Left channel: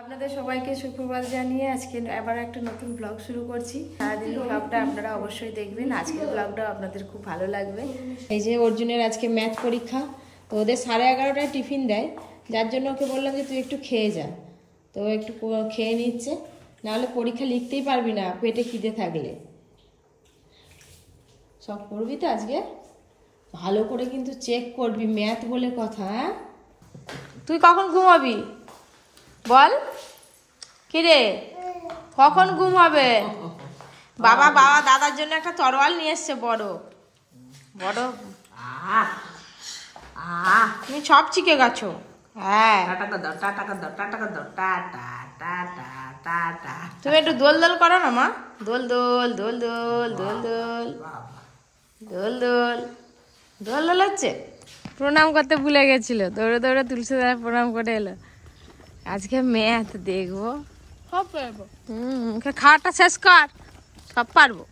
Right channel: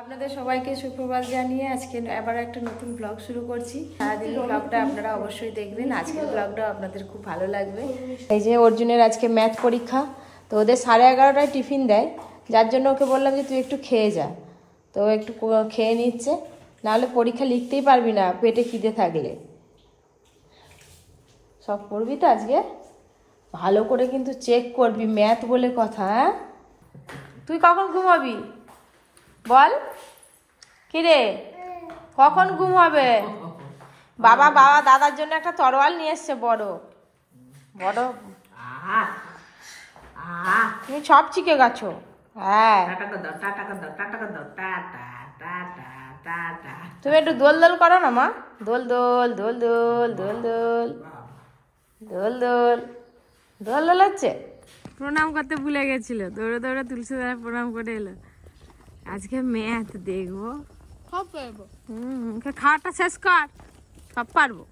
আপনাদের সবাইকে সুপ্রভাত জানিয়ে আজকে আবার একটা নতুন ব্লগ শুরু করছি। সারাদিন ব্লগটা আপনারা অবশ্যই দেখবেন। আজকের ব্লগটা আপনাদের খুব ভালো লাগবে। এই যে অর্জুনের আজকে ম্যাথ পরীক্ষা, তো ওদের 11:30টায় টিফিন দেয়, যার জন্য ওকে বললাম যে তুই একটু খেয়ে যা। তো একটু খেয়ে নিচ্ছে, নাহলে পরীক্ষা লিখতেই পারবি না পেটে খিদে থাকলে। সব পড়বি তো আজকে, ভালো করে কিন্তু চেক করবি, ম্যাথ বলে কথা। হ্যাঁ, তুই কখন ঘুমাবি বল? কিরে কখন ঘুম হবে? বাবা দাদার জন্য একটা তরোয়াল নিয়ে এসছে, বড় বড়। তুমি সব শিখে গেছো। হ্যাঁ, তুমি একটু দোল দোল করো না মা। দোল দোল দোল দোল দোল দোল দোল দোল দোল দোল হচ্ছে। প্রণাম করতে ভুলে গেছিল, দৌড়ে দৌড়ে তুলসী দাদা প্রণাম করে এলো। আজকে ম্যাথ দেখবো, খাওয়াটা শেষ কর, সব পারবো।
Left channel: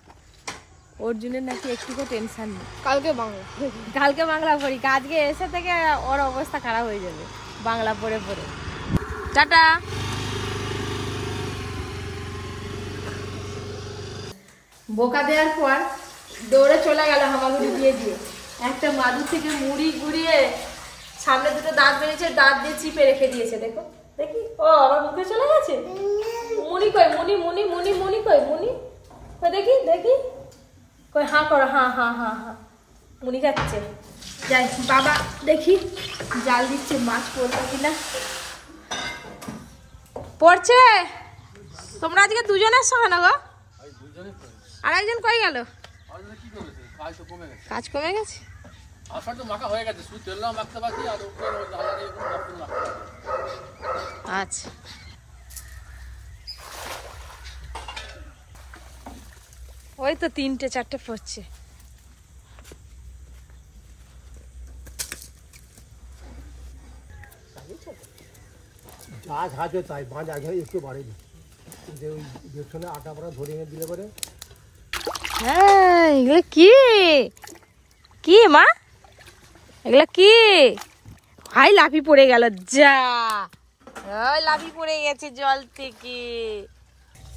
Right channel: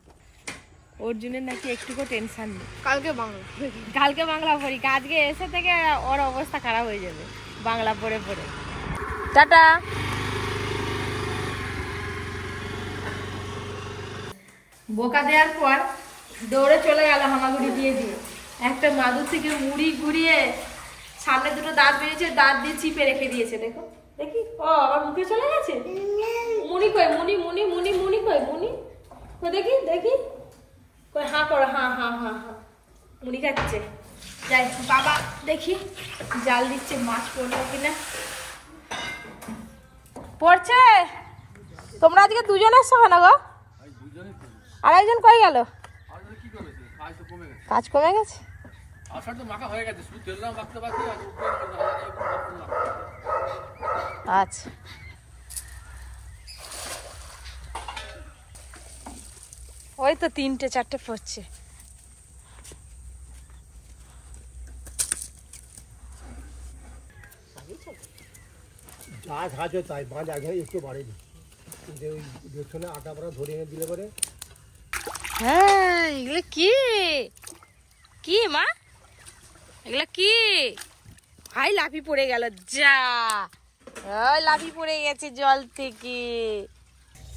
অর্জুনের নাকি একটুকু টেনশন নেই, কালকে বাংলা পরীক্ষা। আজকে এসে থেকে ওর অবস্থা খারাপ হয়ে যাবে বাংলা পড়ে পড়ে। টাটা। বোকা দেওয়ার পর দৌড়ে চলে গেল হামাগুড়ি দিয়ে দিয়ে। একটা মাদুর থেকে মুড়ি গুড়িয়ে সামনে দুটো দাঁত বেরিয়েছে, দাঁত দিয়ে চিপে রেখে দিয়েছে। দেখো দেখি, ও আমার মুখে চলে গেছে। মুনি কই, মুনি মুনি মুনি মুনি কই, মুনি কই, দেখি দেখি কই, হাঁ করো, হাঁ হাঁ হাঁ হাঁ। মুনি খাচ্ছে। যাই বাবা দেখি জাল দিচ্ছে, মাছ পড়লো কিনা। পড়ছে। তোমরা আজকে দুজন এসছো কেন গো? আর একজন কই গেল? কাজ কমে গেছে। আচ্ছা, ওই তো 3টে 4টে পড়ছে। যা খাচ্ছে তাই, মাছ আগে একটু বাড়েনি, ওই পেছনে আটা পড়া ধরে এনে দিলে পরে। হ্যাঁ, এগুলো কি কি মা? এগুলো কি? হাই, লাফি পড়ে গেল। যা, ওই লাফি পড়ে গেছে জল থেকে।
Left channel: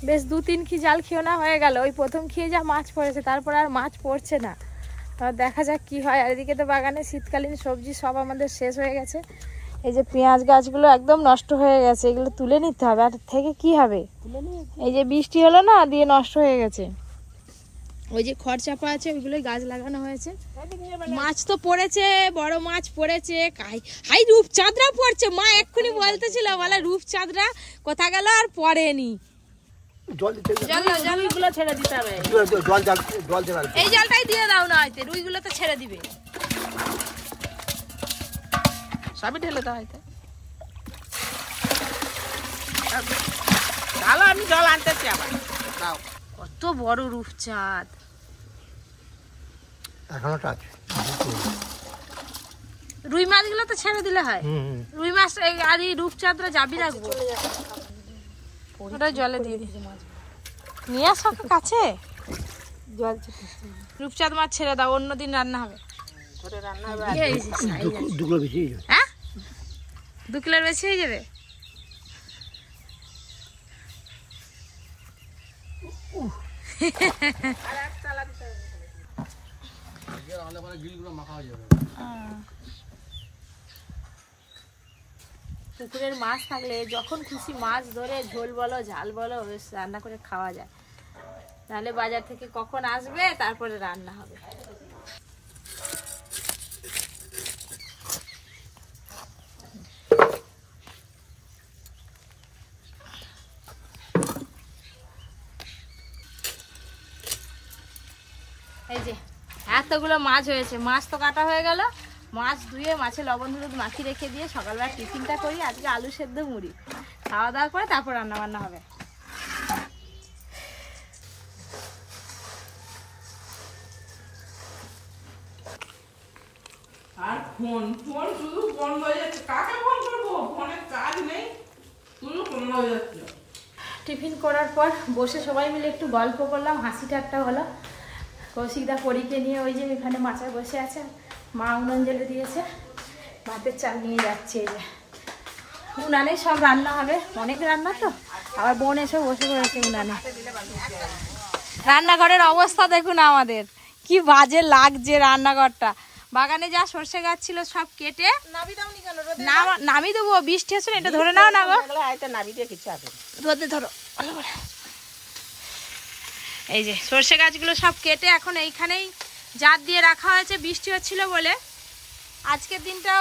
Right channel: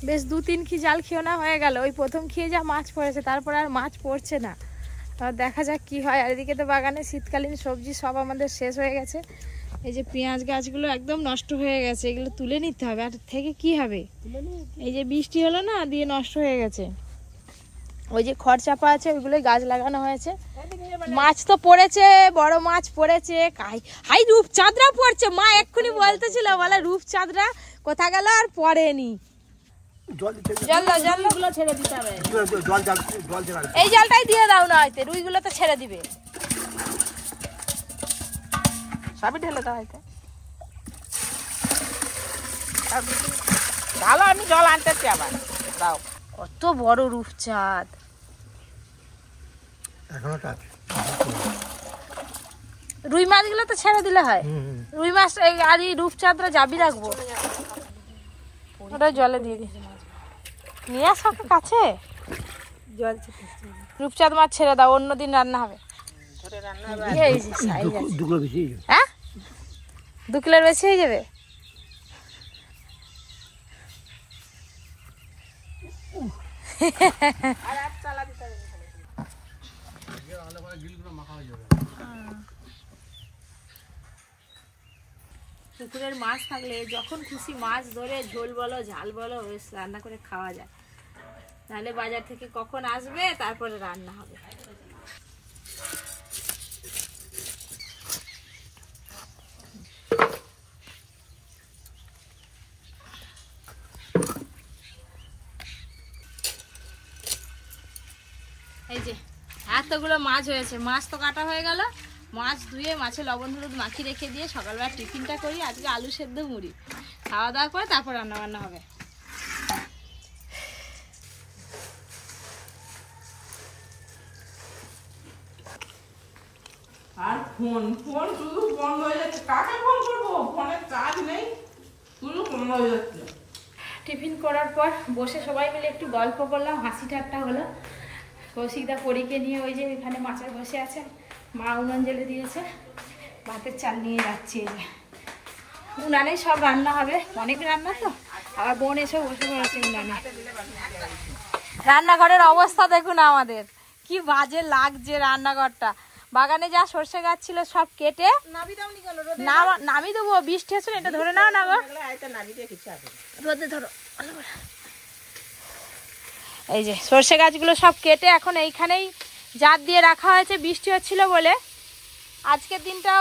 বেশ 2-3 কি জাল খেয়েও না হয়ে গেল। ওই প্রথম খেয়ে যা মাছ পড়েছে, তারপর আর মাছ পড়ছে না। দেখা যাক কি হয়। আর এদিকে তো বাগানে শীতকালীন সবজি সব আমাদের শেষ হয়ে গেছে। এই যে পেঁয়াজ গাছগুলো একদম নষ্ট হয়ে গেছে, এগুলো তুলে নিতে হবে। আর থেকে কি হবে, এই যে বৃষ্টি হলো না, দিয়ে নষ্ট হয়ে গেছে। ওই যে খড় চাপা আছে, ওইগুলোই গাছ লাগানো হয়েছে। মাছ তো পড়েছে, বড় মাছ পড়েছে। হাই, রূপচাঁদরা পড়ছে। মা এক্ষুনি বলতেছিল, বলে রূপচাঁদরা কোথা গেল, আর পড়েনি। এই জলটাই দিয়ে দাও না, হয়তো রুইগুলো তো ছেড়ে দিবে। সবই ঢেলে দাও হয়তো। ভালো, আমি জল আনতেছি আবার। দাও, কত বড় রূপচাঁদ। রুই মাছগুলো তো ছেড়ে দিলে হয়। রুই মাছ আর এই রূপচাঁদরা যাবি রাখবো, ওটা জলে দিয়ে দি। নিয়ে আসো কাছে, রূপচাঁদ মাছ ছেড়ে দাও, অন্যদিন রান্না হবে। হ্যাঁ, 2 কিলোর বেশি হয়ে যাবে। পুকুরের মাছ থাকলে যখন খুশি মাছ ধরে ঝোল বলো ঝাল বলো বেশ রান্না করে খাওয়া যায়। নাহলে বাজার থেকে কখন আসবে, তারপরে রান্না হবে। এই যে এতগুলো মাছ হয়েছে, মাছ তো কাটা হয়ে গেল। মাছ ধুয়ে মাছে লবণ হলুদ মাখিয়ে রেখে দিয়ে সকালবেলা টিফিনটা করি। আজকে আলু সেদ্ধ মুড়ি, খাওয়া দাওয়া করে তারপর রান্না বান্না হবে। আর ফোন শুধু বন্ধ হয়ে যাচ্ছে। কাকে ফোন করবো, ফোনের কাজ নেই, শুধু বন্ধ হয়ে যাচ্ছে। টিফিন করার পর বসে সবাই মিলে একটু গল্প করলাম, হাসি ঠাট্টা হলো। কৌশিকদা পরীকে নিয়ে ওই যে এখানে মাচায় বসে আছে, মা উনুন জ্বেলে দিয়েছে, ভাতের চাল নিয়ে যাচ্ছে। এই যে উনানে সব রান্না হবে, অনেক রান্না তো। আবার বোন এসে বসে পড়েছে উনানে। রান্নাঘরের অবস্থা দেখুন আমাদের, কি বাজে লাগছে রান্নাঘরটা। বাগানে যা সর্ষে গাছ ছিল সব কেটে নামিয়ে দেবো। বৃষ্টি হচ্ছে এটা ধরে নাও না গো, রোদে ধরো। এই যে সর্ষে গাছগুলো সব কেটে এখন এইখানেই জাত দিয়ে রাখা হয়েছে, বৃষ্টি হচ্ছিল বলে। আজকের দিনটা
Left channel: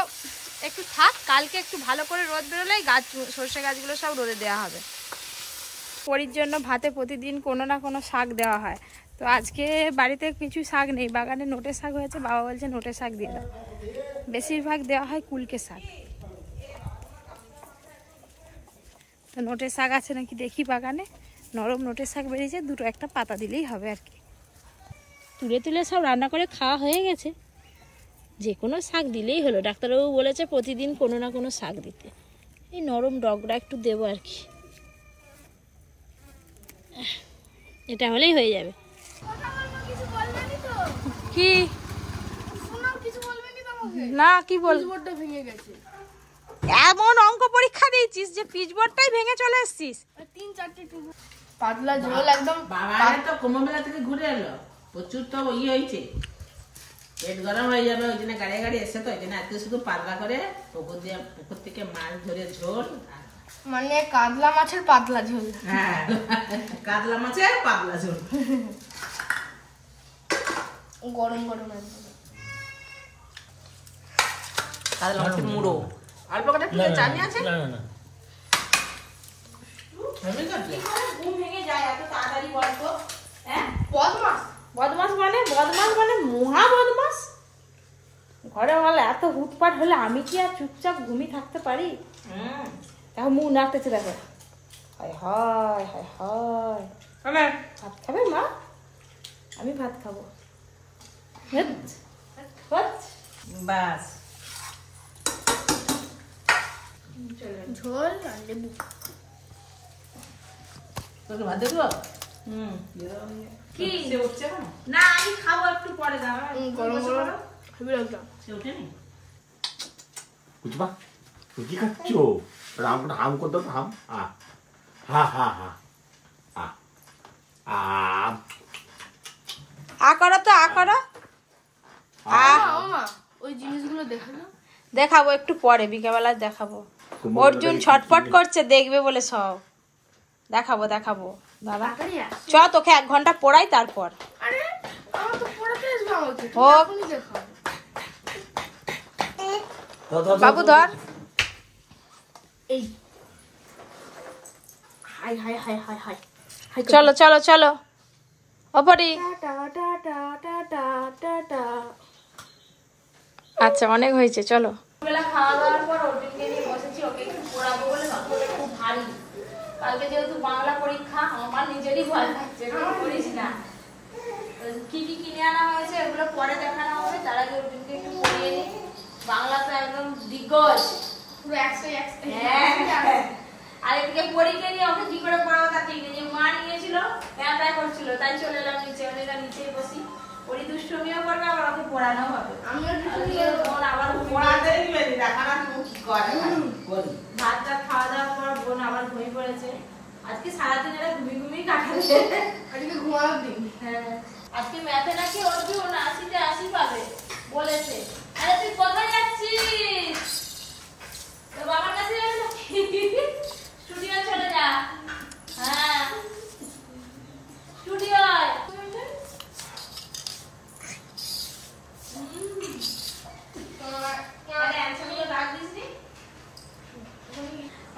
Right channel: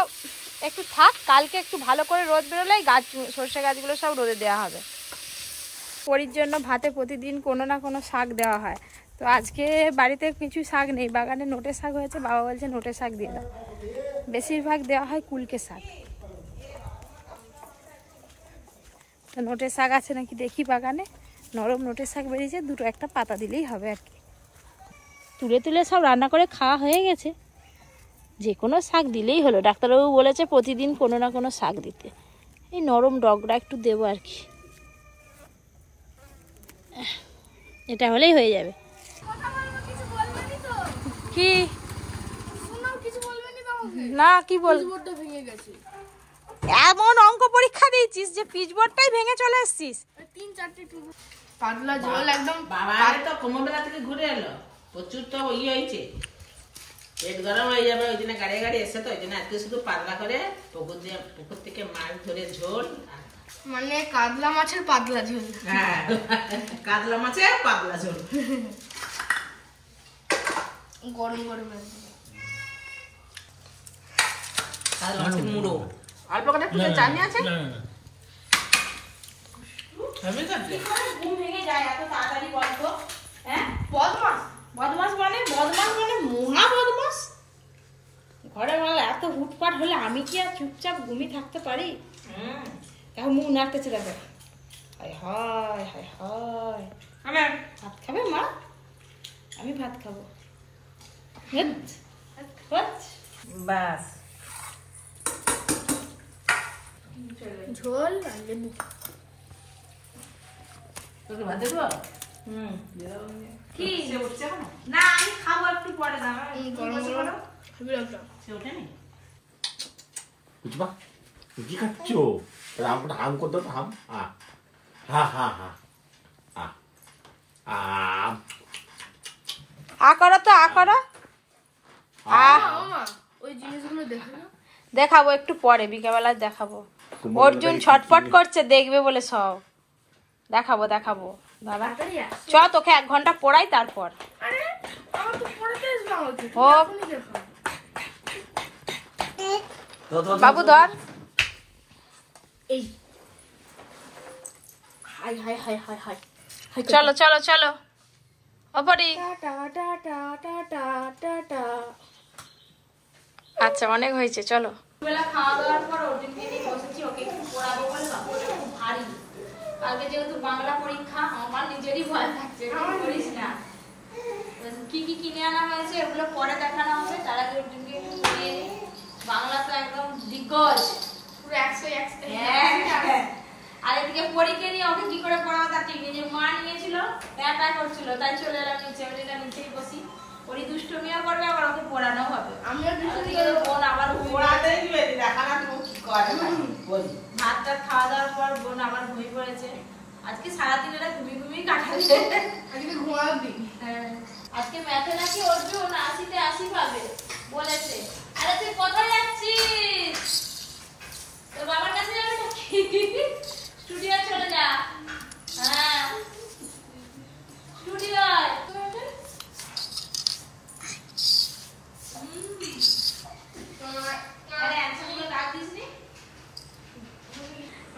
একটু থাক, কালকে একটু ভালো করে রোদ বেরোলেই গাছ, সর্ষে গাছগুলো সব রোদে দেওয়া হবে। পরির জন্য ভাতে প্রতিদিন কোনো না কোনো শাক দেওয়া হয়, তো আজকে বাড়িতে কিছু শাক নেই, বাগানে নোটে শাক হয়েছে, বাবা বলছে নোটে শাক দিয়ে দাও। বেশিরভাগ দেওয়া হয় কুলকে শাক, তো নোটে শাক আছে নাকি দেখি বাগানে। নরম নোটে শাক বেরিয়েছে, দুটো একটা পাতা দিলেই হবে আর কি। তুলে তুলে সব রান্না করে খাওয়া হয়ে গেছে, যে কোনো শাক দিলেই হলো। ডাক্তারবাবু বলেছে প্রতিদিন কোনো না কোনো শাক দিতে, এই নরম ডগরা একটু দেবো আর কি, এটা হলেই হয়ে যাবে। কি না কি বল, এমন অঙ্ক পরীক্ষা দিয়েছিস যে পিচবোর্ডটাই ভেঙে চলে এসেছিস। 3-4টে পাতলা ঝোল একদম। বাবা তো কুমোরবেলা থেকে ঘুরে এলো, প্রচুর তো হয়েছে, পেট গরম হয়ে যাবে। ওই জন্য গাড়ি গাড়ি এসে, তো ওই জন্য আজকে শুধু পাতলা করে পুকুর থেকে মাছ ধরে ঝোল, মানে কাতলা মাছের পাতলা ঝোল। হ্যাঁ কাতলা মাছের পাতলা ঝোল, গরম গরম কাতলা মাছের মুড়ো। অল্প করে একটু চাটনি আছে। ঘুম ভেঙে যায় এত তাড়াতাড়ি বলতো। হ্যাঁ বদমাস বদমাস মানে মহা বদমাস। ঘরে বলে এত হুটপাট হলে আমি কি আর চুপচাপ ঘুমিয়ে থাকতে পারি? এখন মুখ নাড়তেছে দেখো, হায় হায় হায় হায়। ভাত খাবে মা? আমি ভাত খাবো। বাস ঝোল আর লেবু। তোকে ভাত দেবো? কি উঠছে না? আমি খাবো একটু পরে, দাঁড়া। গরম গরম খাবি একদম। সে ওঠেনি? বুঝবা কি খাচ্ছ? রাম হাম করতে হাম। হা হা হা আ করো তো, আ করো। ওই জিনিসগুলো দেখো না, দেখাবো একটু পরে, বিকেলবেলা দেখাবো। অর্জুন ছটফট করছে দেখবে বলে সব। দেখাবো দেখাবো দাদা, চ তোকে 1 ঘন্টা পড়াই তারপর হোক। বাবু ধর। এই high high high high high, চলো চলো চলো ওপরি। আচ্ছা অনেক হয়েছে, চলো। বেলা খাওয়া দাওয়ার পর অর্জুনকে নিয়ে বসেছি, ওকে একটু পড়াবো বলে। বাবুটা খুব ভারী, কালকে যেহেতু বাংলা পরীক্ষা, আমার নিজেরই ভয় লাগছে। করিস না, কি কি কিনে আনা হয়েছে এগুলো পরে দেখানো হবে, তার আগে অর্জুনকে একটু পড়িয়ে নিই। বাংলা তো একদম দিগ্গজ, পুরো 100 আর এদিকে পরীক্ষা নিয়ে ওকে কি করে পড়াবো তার ঠিক নেই। যে মা নিয়েছিল ক্যাম্পায় করছিল, তাই চলে এলাম নিচে, নিচেই বসি। ওরই দুষ্টুমিও করবে, আবার ওকে পড়ানো হবে। বোন আবার ভাতটা খাওয়া দাওয়ার পর বোন আবার ঘুমিয়ে পড়েছে। আজকে সারাদিন এরা ঘুমিয়ে কাটাবে, আজকে ঘুমানোর দিন। হ্যাঁ আজকে ম্যাথে নাকি অর্জুন 80-তে 80 পাবে বলেছে। আরে তুই কোথায় যাচ্ছিস? তোর বাবার কাছে যাবে নাকি? স্টুডিও চলে যা। হ্যাঁ স্টুডিও।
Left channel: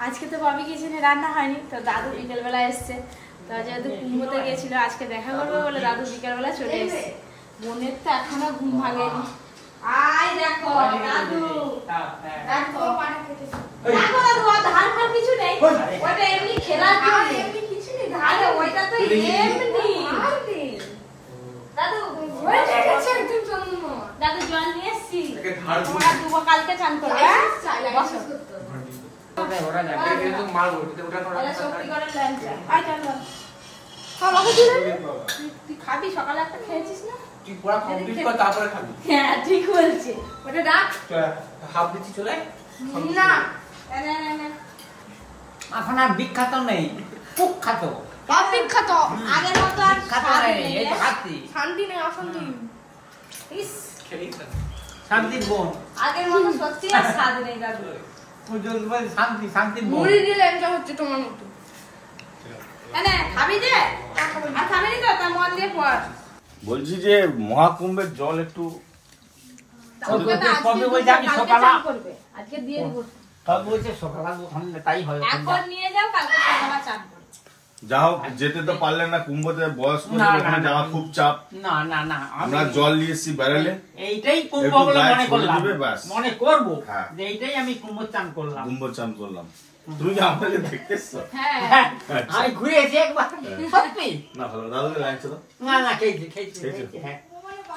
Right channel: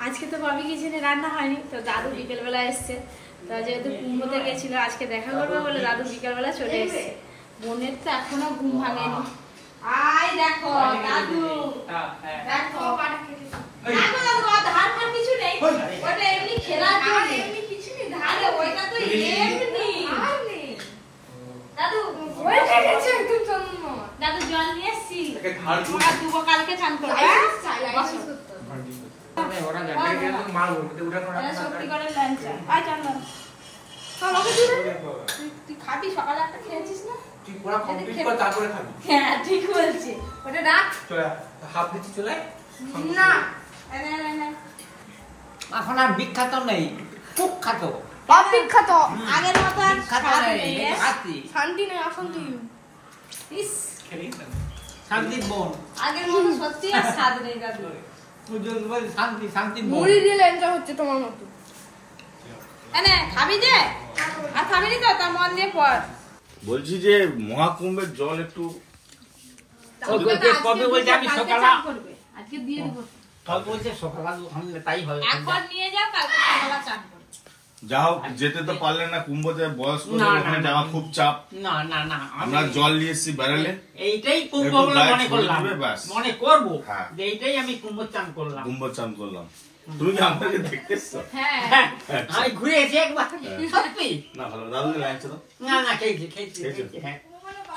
আজকে তো ভাবি কিচেনে রান্না হয়নি, তো দাদু বিকেলবেলা এসছে। তা যেহেতু কুমড়োতে গেছিল, আজকে দেখা করবে বলে দাদু বিকেলবেলা চলে এসছে। বোনের তো এখনো ঘুম ভাঙেনি। আয় দেখো দাদু, দেখো দেখো দাদু, ধান ফান কিছু নেই, ওটা এমনি খেলার জন্য। এমনি কিছু নেই, ধান ওইটা তো এমনি। দাদু ওইটা গেছে একদম চলুন। দাদু জল নিয়ে এসছি, তোমরা দুবো কালকে চান করবে। বসো শক্তি করে লাঞ্চা। আয় চল তুই খাবি, সকালে একটা খেয়েছিস না? হ্যাঁ ঠিক বলছে, ওটা রাখ। হাফ দিচ্ছি চলে না না এখন আর বিখ্যাত নেই, কুখ্যাত। বাপ বিখ্যাত। আগের মতো আর বিখ্যাত স্বাদ নেই, নেই, এই তো খাচ্ছি। শান্তি নেই, অশান্তি। ইস, শান্তির বোন। আগের মতো সত্যি আর স্বাদ নেই দাদু। পুজোর বলে শান্তি, শান্তির বোন। মুড়ি দিয়ে ল্যাংচা হচ্ছে তোমার মতো। এনে খাবি যে? আর খাবি নি তো? তা মন দিয়ে পড়। বলছি যে মহাকুম্ভের জল একটু কবে বলছে আমি কালকে সকালে, চান করবে। আজকে দিয়ে দেবো। কবে বলছে সকালে হলে তাই হয়। একবার নিয়ে যাও, কালকে সকালে চান করবে। যা হোক যেতে তো পারলেন না কুম্ভতে, বয়স্ক না, ওখানে না, যাওয়া না। খুব চাপ। না না না, আমরা জল নিয়ে এসেছি বেড়ালে, এইটাই কুম্ভ একটু বলে গায়ে মনে ছড়িয়ে করলাম, দিবে, ব্যাস। মনে করবো হ্যাঁ। যে এইটাই আমি কুম্ভ চান করলাম। কুম্ভ চান করলাম। তুমি কি আমাকে দেখতে এসছো? হ্যাঁ। হ্যাঁ, আমি ঘুরে এসে একবার সত্যি। না ভালো, দাদুকে ল্যাংচা দাও। না না, খেয়েছি খেয়েছি খেয়েছো? খেয়েছি, হ্যাঁ।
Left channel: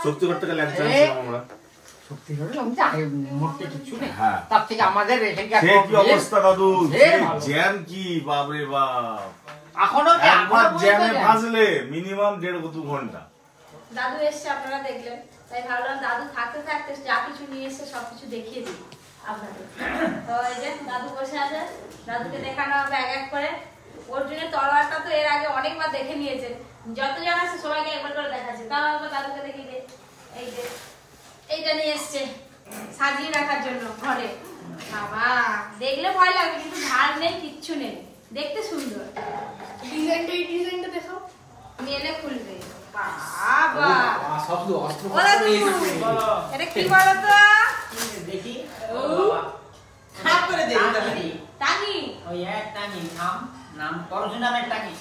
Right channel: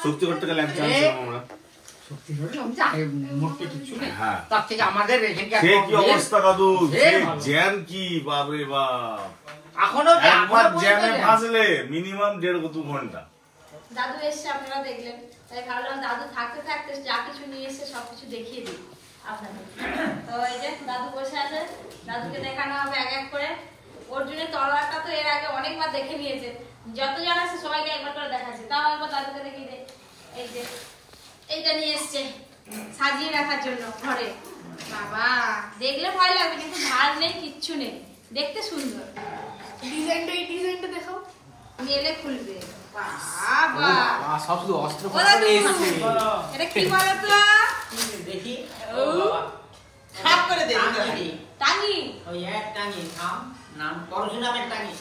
সত্যি করতে গেলে ল্যাংচা আনছিলাম আমরা। সত্যি করে আমি যাই মরতে কিছু নেই। হ্যাঁ। তার থেকে আমাদের এখানকার সে কি অবস্থা দাদু, সে সে ভালো। জ্যাম কি বাপরে বাপ। এখনো একবার এখনো জ্যামে বলতে ফাঁসলে মিনিমাম 1.5-2 ঘন্টা। দাদু এসছে, আপনারা দেখলেন, তাই ভাবলাম দাদু থাকতে থাকতে যা কিছু নিয়ে এসে সবকিছু দেখিয়ে দিই আপনাদের। তো এই যে দাদু বসে আছে, দাদুকে দেখানো হবে এক এক করে। অর্জুনের তলোয়ারটা তো এর আগে অনেকবার দেখে নিয়েছে, যত জন আছে সবাইকে একবার করে দেখাচ্ছে। তাও একবার দাদুকে দেখিয়ে দে। এই যে এইটা নিয়ে এসছে সাজিয়ে রাখার জন্য ঘরে। বাবা দেখলে ভয় লাগবে, কিন্তু ধার নেই, কিচ্ছু নেই, দেখতে সুন্দর। ডিজাইনটা, এই ডিজাইনটা দেখো। মেলে খুলবে। বাবা শব্দ অস্ত্র ও দাদু, এটা কি বলো তো? দেখি হাত করে দে দিতে হবে। টাঙ্গি। ওই এক টাঙি নাম নাম পরশুরামের টাঙি।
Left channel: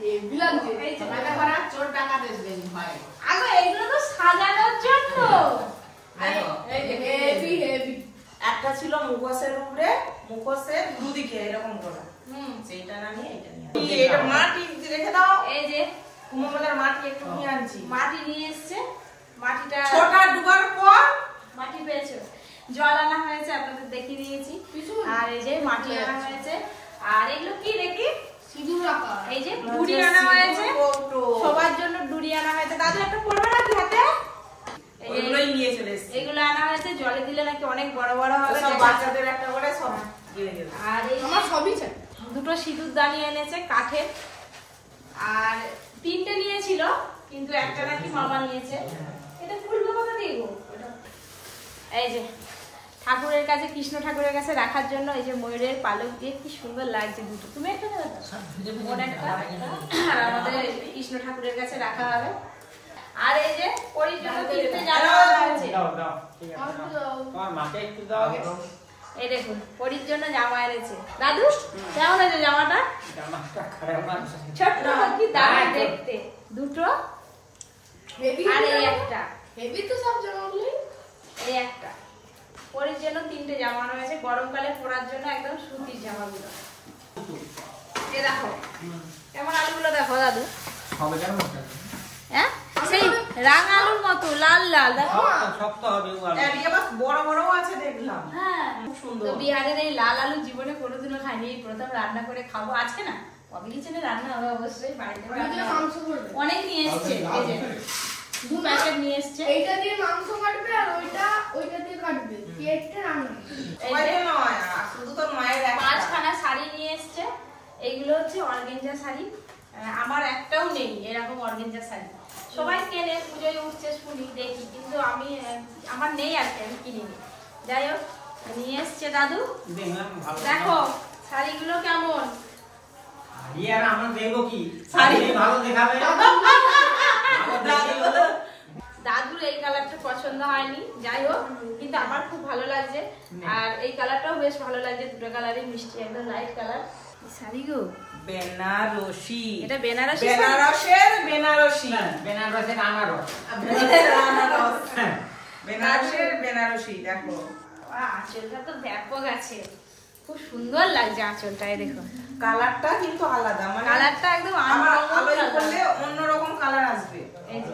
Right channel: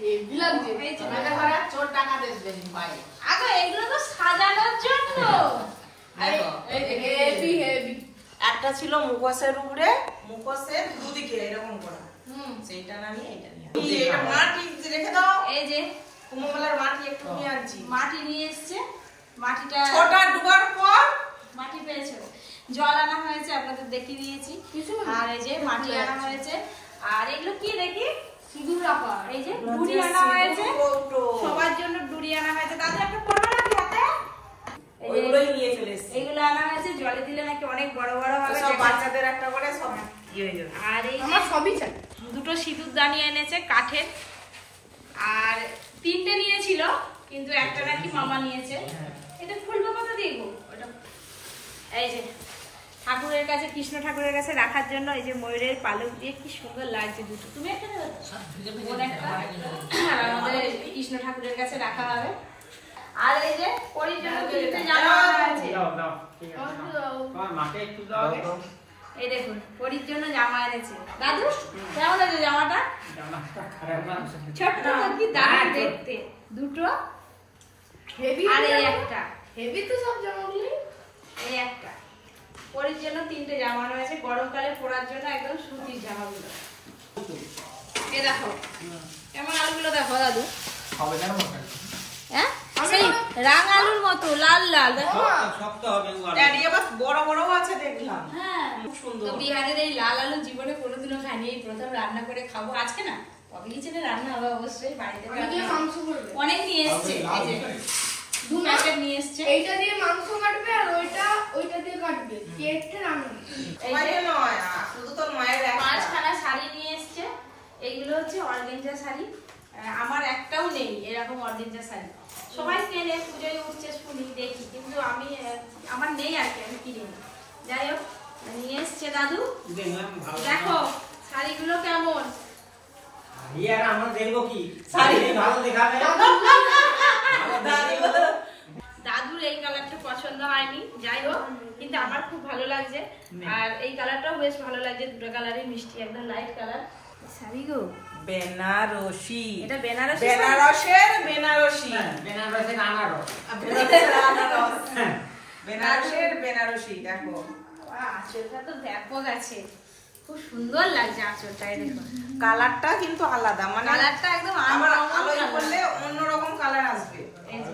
হেভি লাগছে। এই যে তোমাকে ধরা চোর টাকা দেন ভাই। আগো এগুলো তো সাজানোর জন্য। দেখো, হেভি হেভি। একটা ছিল মুখোশের উপরে, মুখোশের দুদিকে এরকম করা, সেইটা না নিয়ে এটা নিয়ে আসি। এটা মাটি রেখে দাও। এই যে কুম্ভমেলার মাটি একটু নিয়ে আনছি। মাটি নিয়ে এসছে, মাটিটা ছোটা ডুবার পর মাটি পেয়েছে, জল আনা হয়েছে, আপনাদের দেখিয়ে দিয়েছি। আর এই যে মাটি আনা হয়েছে। আর এগুলো কি দেখি? সিঁদুর রাখা। এই যে ডুরি আনা হয়েছে, সবার জন্য ডুরি আনা হয়েছে। দাদু একটা পড়বে নাকি হাতে? এই যে ওইগুলোই নিয়ে চলে এসেছি। এগুলো আনা হয়েছে, জলে দিলে নাকি অনেক বড় বড় হবে। সব বাচ্চাদের একটা করে সব ইয়ে হয়ে যাবে। আর এই যে আমার সবই চাই। দুটো সিঁদুর দানি এনেছে কাঠের, আর 3টে নিয়েছিল, কিন্তু একটা নাকি মামা নিয়েছে। এটা খুলবে কোথা দিয়ে গো? ওটা এই যে ঠাকুরের কাছে, কৃষ্ণ ঠাকুরের কাছে রাখার জন্য এই যে ময়ূরের পালক দিয়ে কি সুন্দর লাগছে দুটো। তুমি একটা নেবে তো? বোন একটা। আর আমাদের কৃষ্ণ ঠাকুরের কাছে রাখা হবে। আর এই যে পরির জন্য 3টে জামা আছে। দাও দাও, ঠিক আছে। তোমার মাকে একটু দাও। এই দেখুন পরির জন্য জামা এনেছে। দাদু কেমন আছে জামাটা? জামাটা খারাপ মানুষ। ছোট্ট কি দারুণ দেখতে। দুটো হেভি আর এই একটা, হেভি তো সব জামাগুলি। এই একটা। পরির জন্য 3টে জামা রয়েছে, গরমকালে পরার জন্য একদম সুতির জামাগুলো। এ দেখো কেমন আলুগুলো দেখো দাদু। হবে কেন? হ্যাঁ সেই রাঙা আলুর মতো লাল লাল দেখো। শক্ত হবে ওগুলো। আর এবার বড় বড় আছে দেখলাম। হ্যাঁ খুব সুন্দর। তো বিহারের এই লাল আলু জীবনে কোনোদিনও খাইনি, এই প্রথম রান্না করে খাবো। আজকে না কবে কিচেনে রান্না হবে অবশ্যই, বাড়িতে আমি দিয়ে রান্না হবে। মাংস করবে। অনেক নিয়ে এসছে, এই যে 2 প্যাকেট নিয়ে এসছে। এইটা দিয়ে মাংস কাটবে আর ওইটা দিয়ে কাটবে। কেটে রান্না। এই যে ওইটা নয়, শুধু তোর মায়ের একটা। 5খানা শাড়ি নিয়ে এসছে। এইগুলো হচ্ছে অর্গেঞ্জা শাড়ি। আমার একটাও নেই এরকম অর্গেঞ্জা শাড়ি। সবাই কেনে, পুজোয় উঠছে শুনি দেখি, কিন্তু আমি আমার নেই আর কি, আমি কিনিনি। যাই হোক নিয়ে এসছে দাদু। দেখলাম ভালো। দেখো শাড়িগুলো কেমন। ইয়ার আমরা দেখবো কি? শাড়ি ভালো দেখাবে। দাদুর এই কালারটা পছন্দ হয়নি, যাই হোক কিন্তু আমার খুব ভালো লাগছে। আর এই কালারটাও বেশ ভালো লাগছে, দুটো কালারই মিষ্টি, একদম লাইট কালার। শাড়ি গো বেনারসি। এটা বেনারসি শাড়ি? বেনারসের বেনারসি। বেনারসের আনারস। বেনারসের আনারস। বেনারসের বেনারসি দেখো। বাহ, আঁচলটা তো ব্যাপক আছে, খুব সুন্দর লাগছে আঁচলটা। এই দেখো কালারটা কিন্তু আলাদা, মানে কালারটা একদম আমার আলাদা আলোয় colour। করলে অন্যরকম কালার আসবে। এই যে।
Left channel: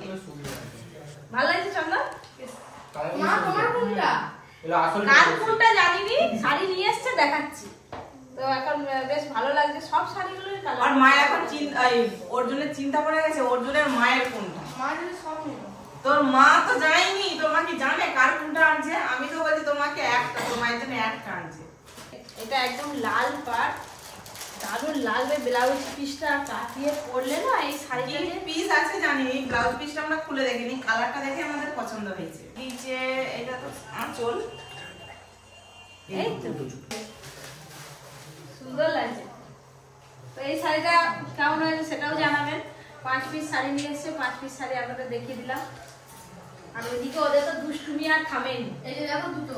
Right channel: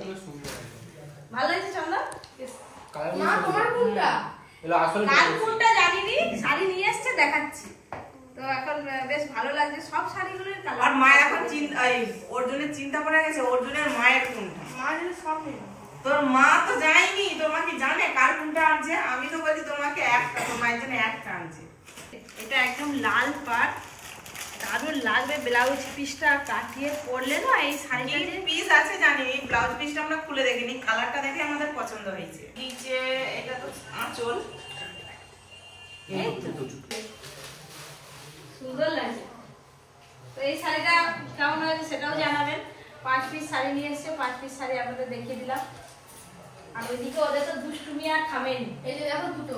ভালো লাগছে চন্দন? মা তোমার কোনটা? এলো আসল কার কোনটা জানিনি, শাড়ি নিয়ে এসছে দেখাচ্ছি। তো এখন বেশ ভালো লাগছে সব শাড়িগুলোর আর কালার। মা এখন অর্জুনের চিন্তা করে গেছে অর্জুনের মায়ের কোনটা। মা যদি সব নেবে। তোর মা তো যায়নি, তোমাকে জানে কার কোনটা আনছে। আমি তো বলি তোমাকে একটা, তোমার জন্য একটা আনছে। এটা একদম লাল পাড়, দারুণ লাগবে। ব্লাউজ পিসটা কাটিয়ে পরলে না এই শাড়িটা পিস আছে জানি, এই ব্লাউজ পিসটা আমরা খুলে দেখিনি, কালারটা দেখে আমাদের পছন্দ হয়েছে। নিচে এটা তো আঁচল, এই তো সুন্দর লাগছে। তো এই শাড়িটা কেমন হয়েছে সেটাও জানাবেন। 5 পিস শাড়ি নিয়ে এসছে, 5 পিস শাড়ি আপনাদের দেখিয়ে দিলাম। আর ওইদিকে ওদের তো দুষ্টুমি আর থামেনি। এই যে দেখো দুটো,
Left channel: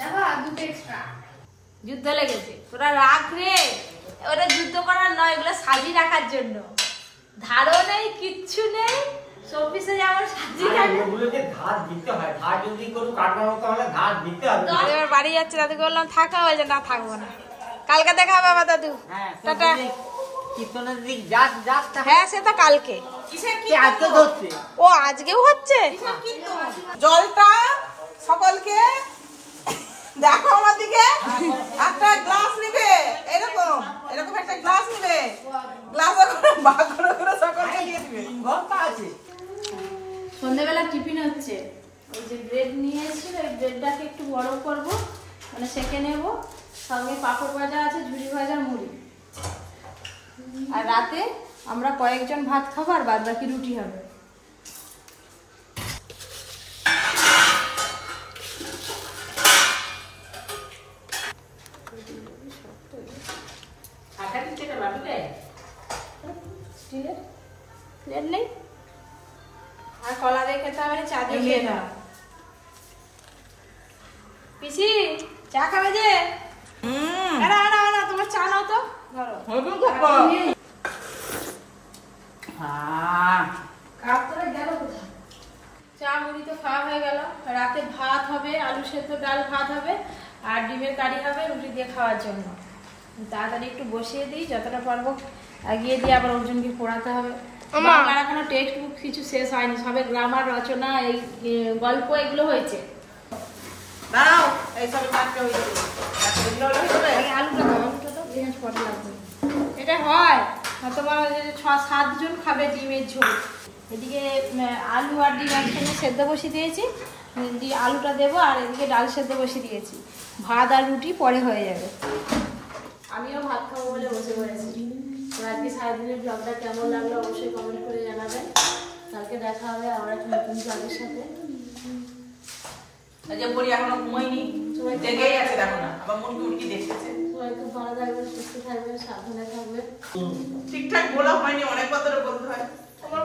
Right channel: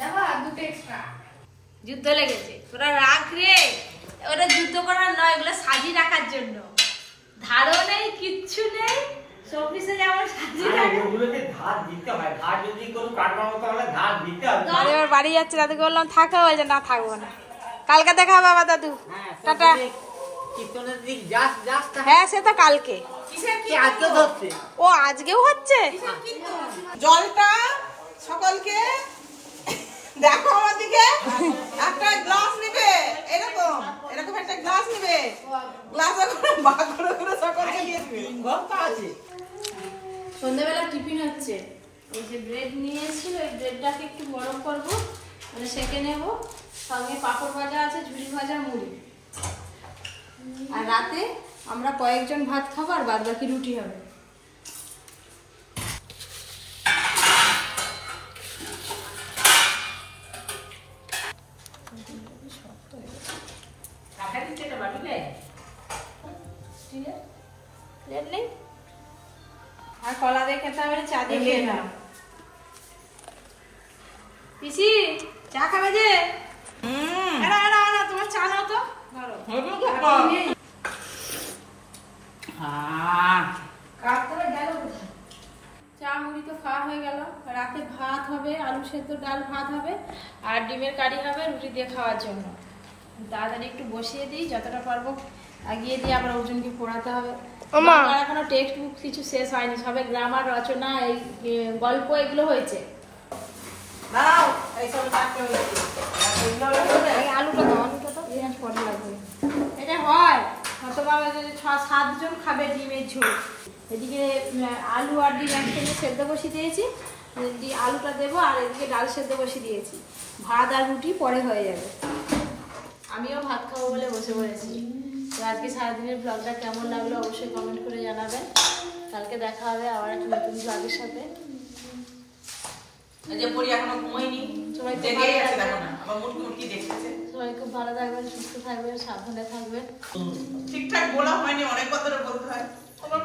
দেখো আর দুটো এক্সট্রা। যুদ্ধ লেগেছে, তোরা রাখ রে। ওটা যুদ্ধ করার নয়, এগুলো সাজিয়ে রাখার জন্য। ধারও নেই, কিচ্ছু নেই, শোপিসে যেমন সাজিয়ে রাখে। ওগুলোকে ধার দিতে হয়, ধার যদি কোনো কাটবার মতো হলে ধার দিতে হবে। দাদু এবার বাড়ি যাচ্ছে, দাদুকে বললাম থাকা, বলছে না থাকবো না, কালকে দেখা হবে আবার দাদু। টাটা। কীর্তনের দিক যাস যাস। হ্যাঁ সে তো কালকে। আজকে ধরছে। ও আজকেও হচ্ছে? জলটা সকলকে দেখো আমার দিকে, একটা গ্লাস নিবে, এরকম এরকম একটা গ্লাস নিবে, গ্লাসে করে ভাগ করে করে সকলকে দিয়ে দিবে। ঘন্টা আছে। সন্ধ্যাবেলা টিফিন হচ্ছে, ওই যে ব্রেড নিয়ে এসেছিল, ওই ব্রেডটাকে একটু বড় করব, মানে সেঁকে নেব। সঙ্গে পাঁপড় ভাজা আছে, ঝুড়ি ভাজা, মুড়ি। আর রাতে আমরা কয়েকজন ভাত খাবো, আর বাদ বাকি রুটি হবে। প্লেট নেই, আর কলা দিয়ে খেতে হবে না, চা দিয়ে খেয়ে নাও। পিসি চা খাবে যে? আরে আরে আরে, তোমার চা নাও তো, ধরো। কাপ করে গেল কোথায়? চা মুড়ি তো খাওয়া হয়ে গেল। রাতে ভাত হবে, আলু সেদ্ধ ডাল ভাত হবে, আর ডিমের কারি হবে রুটি দিয়ে খাওয়ার জন্য। তাড়াতাড়ি একটু বসিয়ে দিই, যতটা পারবো এগিয়ে দিয়ে আবার অর্জুনকে পড়াতে হবে। বাংলার এখনো টেক্সট বুক কিছু শেষ হয়নি, সবে গ্রামার, রচনা, এই গল্প এগুলো হয়েছে। দাও এইসব কাটতে হয়েছে। আলুটা দাও, আলুটা তো এখানে পরে লাগবে। এটা হয় তোমার 6-7 জন খাবে ডিমের ঝোল। এদিকে আলু আর ডিম একসঙ্গে সেদ্ধ বসিয়ে দিয়েছি, এদিকে আলুটা দেবো, আর এদিকে ডাল সেদ্ধ বসিয়ে দিয়েছি। ভাত আর রুটি পরে হয়ে যাবে। আমিও ভাত খাবো বলে বসে পড়েছি। তো আজকে সারাদিনের ব্লগটা কেমন লাগলো অবশ্যই কমেন্ট করে জানাবেন। কালকে দেখা হবে আবার একটা নতুন ব্লগের সাথে। এই যে পরি এখনো ঘুমায়নি, সবাই জেগেই আছে, দেখো না আবার মুরগি উঠকি দেখতেছে। সবাই খুব ভালো থাকবেন, সুস্থ থাকবেন, সাবধানে থাকবেন। ঠিকঠাক বলা হয়নি, অনেক কথা বলতে হয়। তোমার